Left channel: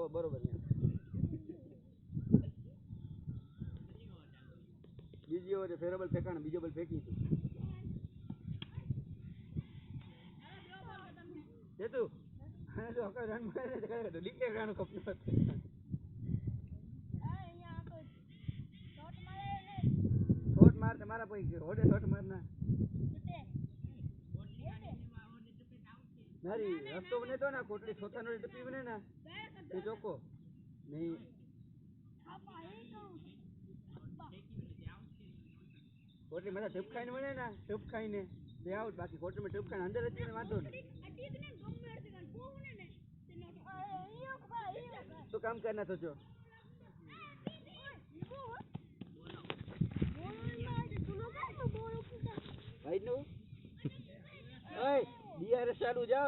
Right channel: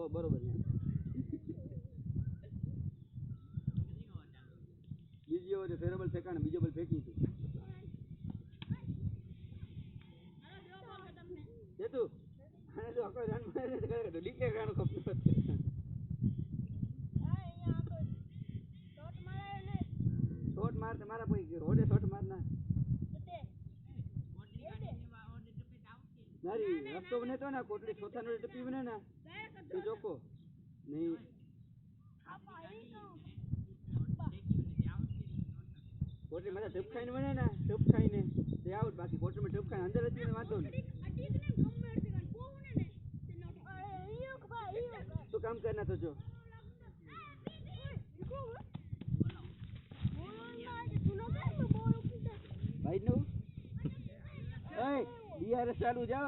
તો બરોબર છે બીજી ઓવર ફેરેબલ ફેંકાણ બીજો બોલ ફેંકી તું જેતું અને જો આખો રન મારે તો કરે તો ડિક્લેર રાણો કપનું શોટ માર તમારા કોઈ ઓડે શોટ માર ના નારી રસ્તો બને તો ના કોટડી છોતા નો ટપી બને ના તે ચોકો નહીં કોટડી મારા ટપ ખાઈને બને ના ટપ ખાઈને તે આઉટ બાકી કોટડી માં ટપ ખાઈને અંદર હતી ને વાંધો નહીં શું કામ કરના તો જો ભાઈ નું એ બીઆરએસ ચાલુ જાવ